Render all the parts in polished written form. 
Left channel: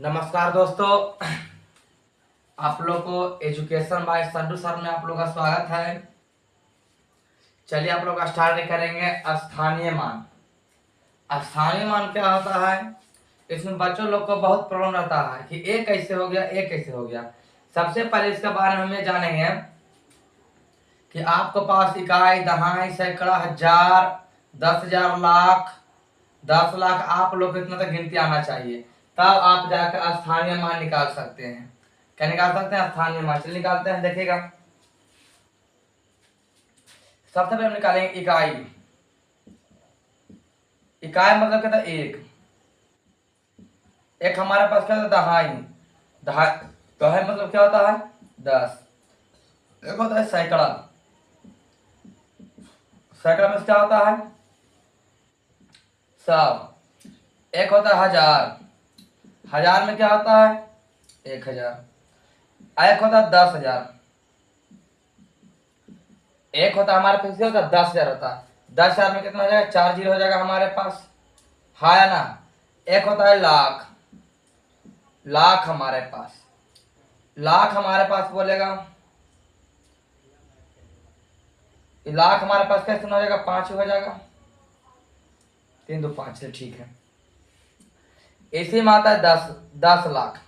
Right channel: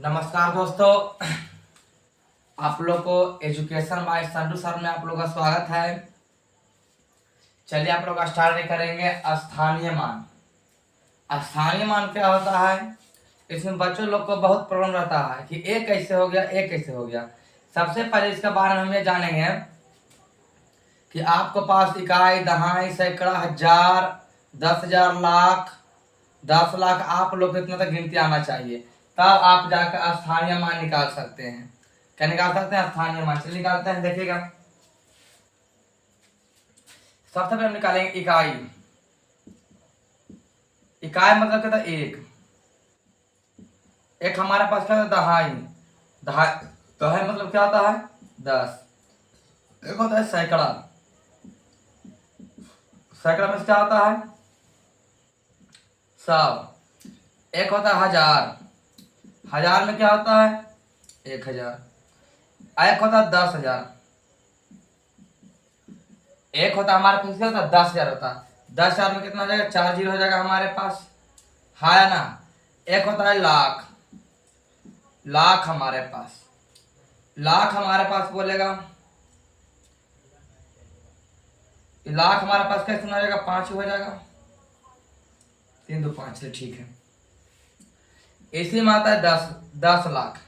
नमस्कार दोस्तों, आप लोग को एजुकेशन बाय संडू सर में आप लोग का स्वागत है। चलिए आप लोग स्टार्ट करेंगे स्थानीय मान। स्थानीय मान क्या होता है? इसमें बच्चों लोग को बहुत प्रॉब्लम रहता है कि ए कैसे हो गया, ए कैसे हो गया। सबसे पहले इसके बारे में हम ये जानेंगे कि आपके पास इकाई, दहाई, सैकड़ा, हजार, 10,000, लाख, 10 लाख, आप लोग को इतना तक गिनती आना चाहिए, तब आप जाकर स्थानीय मान निकाल सकते हैं। क्या निकाल सकते हैं? स्थानीय मान। चलिए निकालते हैं, देखिएगा। सबसे पहले हम निकालेंगे इकाई। इकाई मतलब क्या था? एक। एक हमारे पास क्या था? दहाई। दहाई मतलब क्या होता है? 10। एक होता है सैकड़ा। सैकड़ा में क्या होता है? 100। एक होता है हजार। हजार में क्या होता है? 1000। एक होता है 10,000। एक होता है हमारे पास क्या होता है? 10,000 होता है। 10,000 में कितना हो जाएगा? 4 जीरो हो जाएगा हमारे पास, है ना। एक होता है लाख। लाख हमारे पास बोलेगा, लाख हमारे पास कैसे हो जाएगा? 5 हो जाएगा। 3 2 5, ठीक है। इसी में आता है 10 लाख।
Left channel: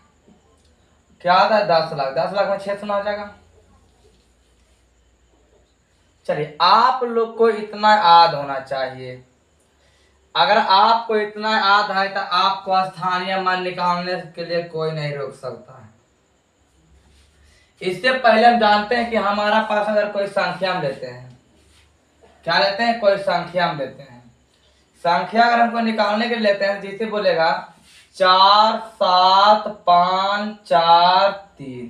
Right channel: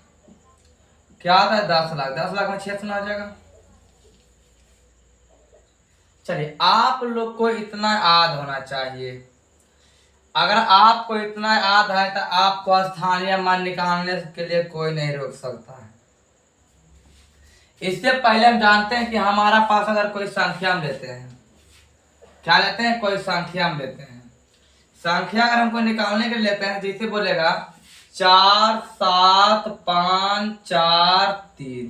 क्या आता है? 10 लाख। 10 लाख में 6 सुना हो जाएगा। चलिए, आप लोग को इतना याद होना चाहिए। अगर आपको इतना याद है तो आपको स्थानीय मान निकालने के लिए कोई नहीं रोक सकता है। इससे पहले हम जानते हैं कि हमारा पास अगर कोई संख्या हम लेते हैं, क्या लेते हैं? कोई संख्या हम लेते हैं। संख्या अगर हमको निकालने के लिए लेते हैं, जैसे बोलेगा 4 7 5 4 3,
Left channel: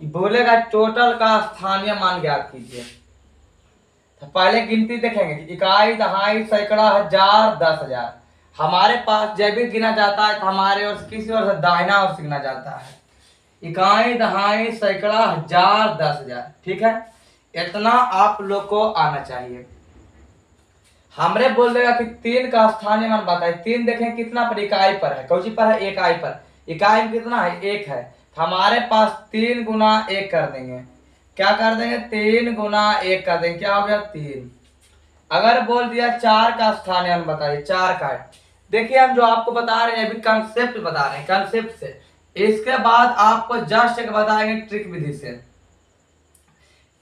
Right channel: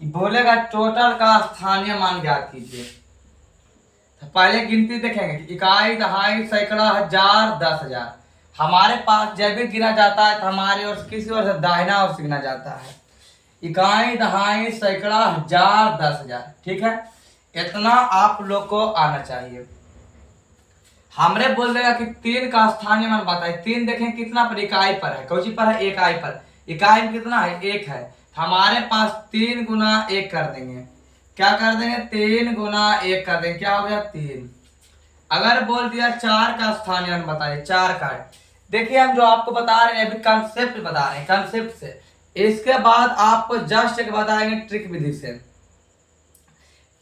बोलेगा टोटल का स्थानीय मान ज्ञात कीजिए। तो पहले गिनती देखेंगे कि इकाई, दहाई, सैकड़ा, हजार, 10,000। हमारे पास जब भी गिना जाता है तो हमारे ओर किसी ओर से दाहिना ओर से गिना जाता है। इकाई, दहाई, सैकड़ा, हजार, 10,000, ठीक है। इतना आप लोग को आना चाहिए। हमरे बोल देगा कि 3 का स्थानीय मान बताए। 3 देखें कितना पर? इकाई पर है। कौन सी पर है? इकाई पर। इकाई में कितना है? 1 है। तो हमारे पास 3 गुना 1 कर देंगे। क्या कर देंगे? 3 गुना 1 कर देंगे। क्या हो गया? 3। अगर बोल दिया 4 का स्थानीय मान बताइए, 4 का है। देखिए, हम जो आपको बता रहे हैं अभी कंसेप्ट बता रहे हैं, कंसेप्ट से। इसके बाद आपको जस्ट एक बताएंगे ट्रिक विधि से।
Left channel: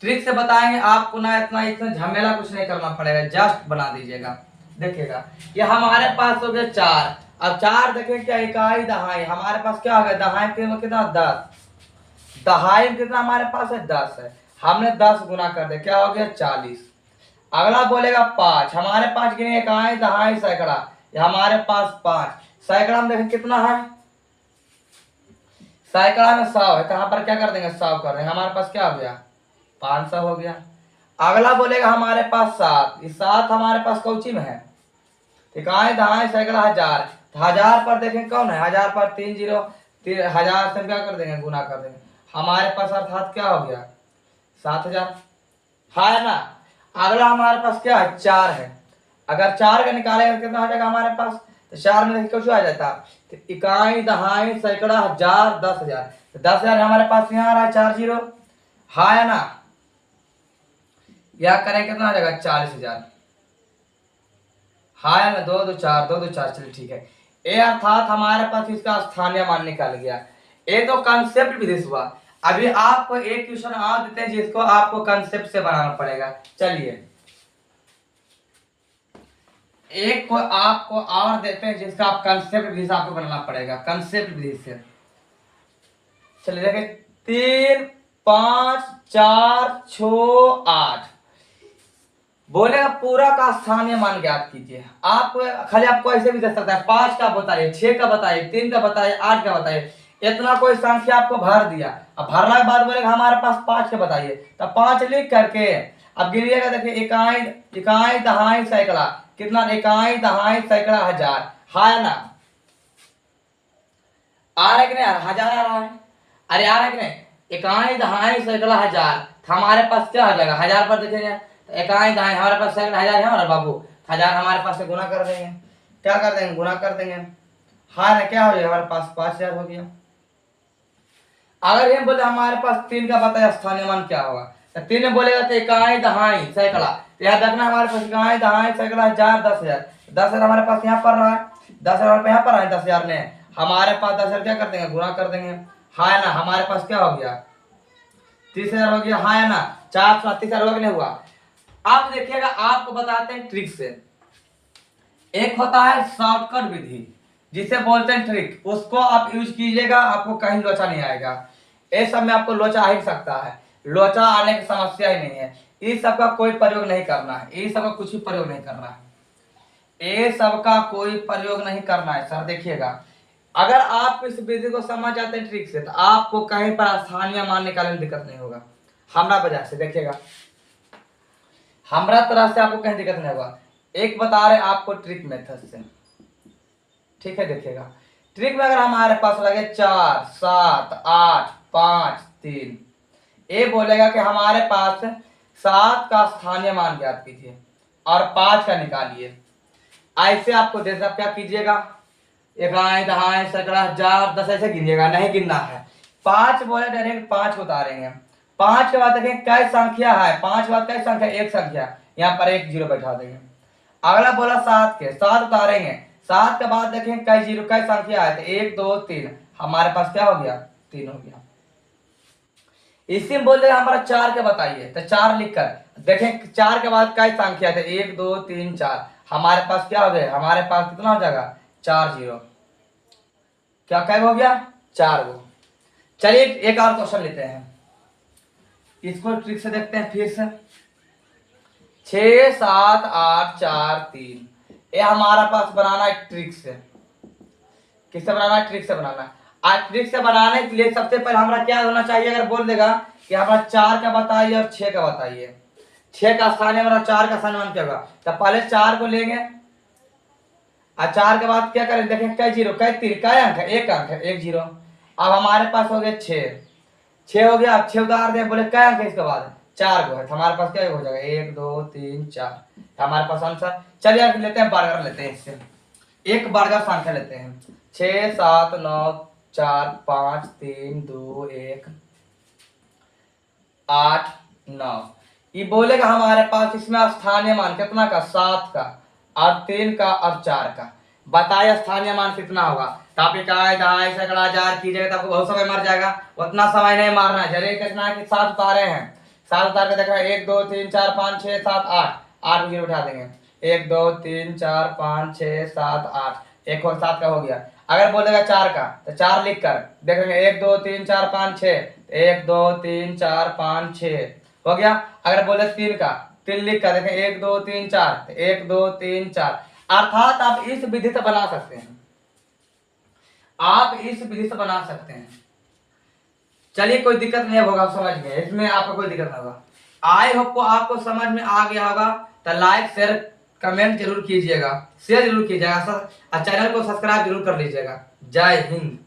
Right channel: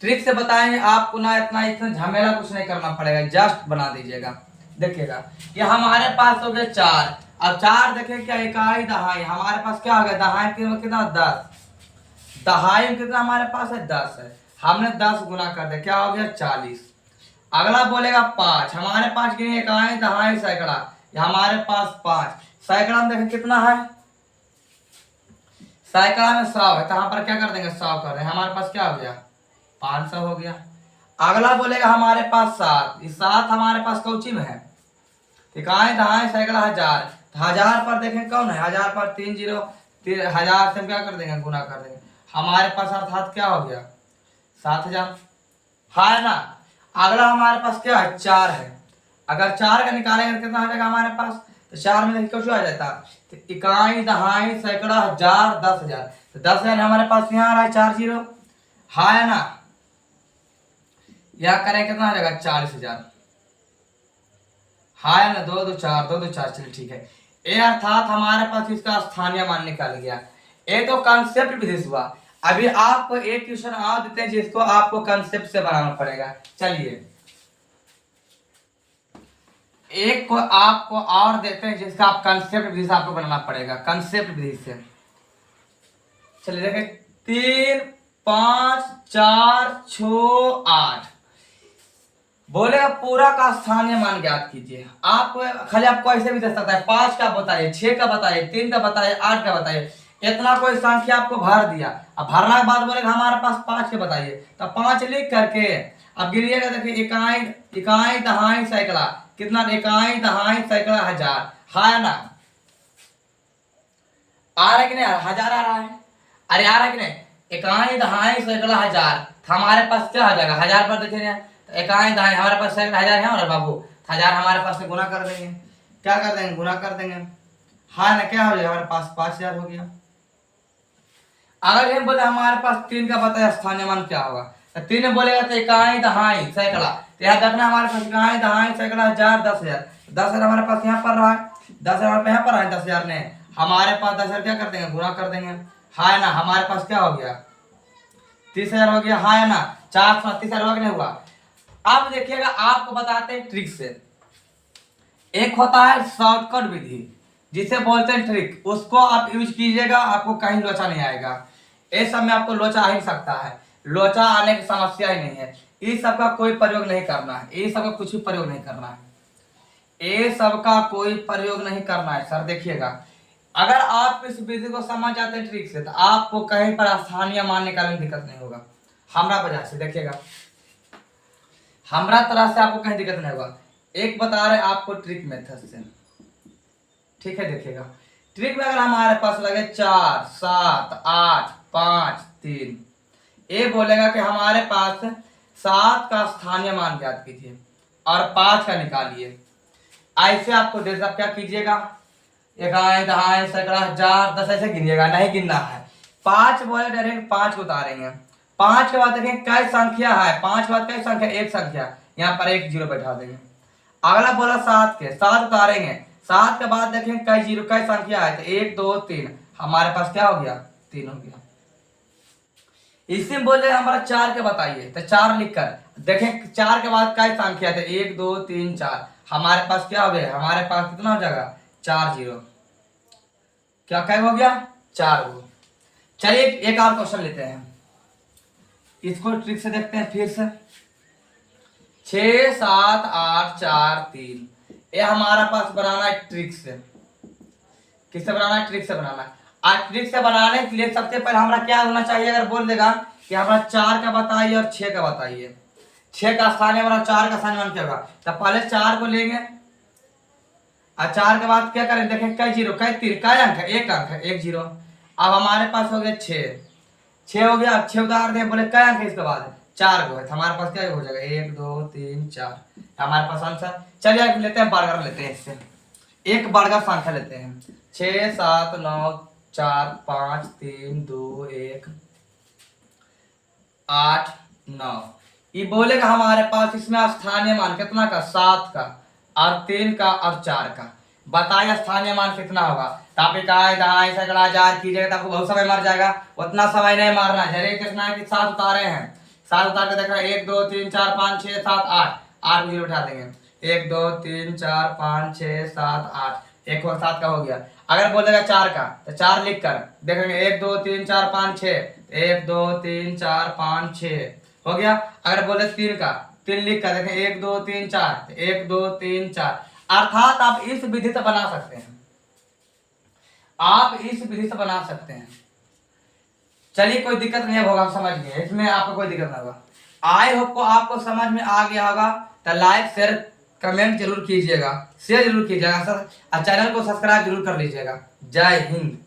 ट्रिक से बताएंगे, आपको ना इतना झमेला कुछ नहीं करना पड़ेगा, जस्ट बना दीजिएगा। देखिएगा, ये हमारे पास हो गया 4। अब 4 देखें क्या? इकाई, दहाई। हमारे पास क्या हो गया? दहाई में कितना? 10। दहाई में कितना हमारे पास है? 10 है। हमने 10 गुना कर दिया, क्या हो गया? 40। अगला बोलेगा 5। हमारे पास गिने इकाई, दहाई, सैकड़ा। हमारे पास 5। सैकड़ा में देखें कितना है? सैकड़ा में 100 है, तो यहाँ पर क्या कर देंगे? 100 कर देंगे। हमारे पास क्या हो गया? 500 हो गया। अगला बोलेगा हमारे पास 7। इस 7 हमारे पास कौची में है? इकाई, दहाई, सैकड़ा, हजार। तो हजार पर देखें कौन है? हजार पर 3 जीरो। 1000 से क्या कर देंगे? गुना कर देंगे। हमारे पास अर्थात क्या हो गया? 7,000, है ना। अगला हमारे पास क्या है? 4 है। अगर 4 का निकालेगा कितना हो जाएगा हमारे पास? तो 4 में देखिए क्या आ जाता है? तो इकाई, दहाई, सैकड़ा, हजार, 10,000। तो 10,000 हमारे पास यहाँ आ रहा है 4 जीरो, है ना। यह करें कितना आ जाएगा? 40,000, है ना। 2 2 4, 2 2 4, चलिए ठीक है। ये अर्थात हमारे पास इसका स्थानीय मान निकल गया। ये तो कंसेप्ट विधि से हुआ। अभी आपको एक क्वेश्चन और देते हैं जिसको आपको कंसेप्ट से बनाना पड़ेगा। चलिए, एक को आपको और देते हैं जिसका आप कंसेप्ट विधि से आपको बनाना पड़ेगा, कंसेप्ट विधि से। चलिए देखें, 3 5 4 6 8, बोलेगा पूरा का स्थानीय मान ज्ञात कीजिए। आप खाली आपको ऐसे भी दे सकता है, 5 का बताइए, 6 का बताइए, 3 का बताइए, 8 का बताइए। इतना कोई संख्या आपको भर दिया। अब भरने के बाद बोलेगा हमारे पास 5 के बताइए, तो 5 लिख करके अब गिनिएगा। देखिए, इकाई, इकाई, दहाई, सैकड़ा। कितना? इकाई, दहाई, सैकड़ा, हजार, है ना। आ रहा है कि नहीं? हजार आ रहा है। अरे आ रहा है कि नहीं? इकाई, दहाई, सैकड़ा, हजार। तो हमारे पास क्या हो जाएगा? हजार पर देखेंगे तो इकाई, दहाई, हमारे पास सैकड़ा, हजार है हमारे बाबू। हजार हमारे पास से गुना कर देंगे। क्या कर देंगे? गुना कर देंगे। हाँ ना, क्या हो जाएगा हमारे पास 5000 हो गया। अगर हम बोले हमारे पास 3 का बताया स्थानीय मान क्या होगा, तो 3 में बोलेगा तो इकाई दहाई सैकड़ा, तो यहाँ देखना हमारे पास इकाई दहाई सैकड़ा 1000 10,000, 10,000 हमारे पास यहाँ पर रहा है, 10,000 हमारे पास यहाँ पर रहा है, 10,000 ने हमारे पास 10,000 क्या कर देंगे, गुणा कर देंगे। हाँ ना, हमारे पास क्या हो गया 30,000 हो गया। हाँ ना, 4 हुआ कि नहीं हुआ। अब देखिएगा आपको बताते हैं ट्रिक से। एक होता है शॉर्टकट विधि जिसे बोलते हैं ट्रिक, उसको आप यूज कीजिएगा, आपको कहीं लोचा नहीं आएगा। इस सब में आपको लोचा आ ही सकता है, लोचा आने की समस्या ही नहीं है। इस सब का कोई प्रयोग नहीं करना है, इस सब का कुछ भी प्रयोग नहीं करना है, ये सब का कोई प्रयोग नहीं करना है सर। देखिएगा अगर आप इस विधि को समझ जाते हैं ट्रिक से, तो आपको कहीं पर स्थानीय मान निकालने में दिक्कत नहीं होगा। हमरा वजह से देखिएगा, हमरा तरह से आपको कहीं दिक्कत नहीं होगा। एक बता रहे आपको ट्रिक मेथड से, ठीक है। देखिएगा ट्रिक में अगर हमारे पास लगे 4 7 8 5 3, ये बोलेगा कि हमारे पास 7 का स्थानीय मान ज्ञात कीजिए और 5 का निकालिए। ऐसे आपको दे सकते, क्या कीजिएगा, इकाई दहाई सैकड़ा 1000 10 ऐसे गिनिएगा, नहीं गिनना है। 5 बोले डायरेक्ट 5 को उतारेंगे। 5 के बाद देखें कई संख्या है, 5 के बाद कई संख्या, एक संख्या, यहाँ पर एक जीरो बैठा देंगे। अगला बोला 7 के, 7 उतारेंगे, 7 के बाद देखें कई जीरो कई संख्या है, तो 1 2 3, हमारे पास क्या हो गया 3 हो गया। इसी में बोले हमारा 4 के बताइए, तो 4 लिखकर देखें 4 के बाद कई संख्या थे, 1 2 3 4, हमारे पास क्या हो गया, हमारे पास कितना हो जाएगा 4 जीरो, क्या क्या हो गया 4 गो। चलिए एक और क्वेश्चन लेते हैं, इसको ट्रिक से देखते हैं फिर से। 6 7 8 4 3, ये हमारा पास बनाना है ट्रिक से। किससे बनाना है, ट्रिक से बनाना है। आज ट्रिक से बनाने के लिए सबसे पहले हमारा क्या होना चाहिए, अगर बोल देगा कि हमारा 4 का बताइए और 6 का बताइए, 6 का स्थानीय मान 4 का स्थानीय मान क्या होगा, तो पहले 4 को लेंगे और 4 के बाद क्या करें, देखें कई जीरो कई तीन कई अंक है, एक अंक है, एक जीरो। अब हमारे पास हो गया 6 हो गया। अब 6 उतार दे, बोले कई अंक है इसके बाद 4 गो है, तो हमारे पास क्या हो जाएगा 1 2 3 4, हमारे पास आंसर। चलिए लेते हैं बर्गर, लेते हैं इससे एक बर्गर संख्या लेते हैं, 6 7 9 4 5 3 2 1 8 9। ये बोलेगा हमारे पास इसमें स्थानीय मान कितना का, 7 का और 3 का और 4 का। बताइए स्थानीय मान कितना होगा। आप इकाई दहाई सैकड़ा 1000 कीजिएगा तो आपको बहुत समय मर जाएगा, उतना समय नहीं मारना है। जरिए कितना है कि 7 उतारे हैं, 7 उतार के देखा 1 2 3 4 5 6 7 8, 8 जीरो उठा देंगे, 1 2 3 4 5 6 7 8, एक और 7 का हो गया। अगर बोलेगा 4 का, तो 4 लिख कर देखेंगे 1 2 3 4 5 6, 1 2 3 4 5 6 हो गया। अगर बोले 3 का, 3 लिख कर देखें 1 2 3 4, 1 2 3 4। अर्थात आप इस विधि से बना सकते हैं, आप इस विधि से बना सकते हैं। चलिए कोई दिक्कत नहीं होगा, समझ गए, इसमें आपको कोई दिक्कत नहीं होगा। आई होप को आपको समझ में आ गया होगा, तो लाइक शेयर कमेंट जरूर कीजिएगा, शेयर जरूर कीजिएगा और चैनल को सब्सक्राइब जरूर कर लीजिएगा। जय हिंद।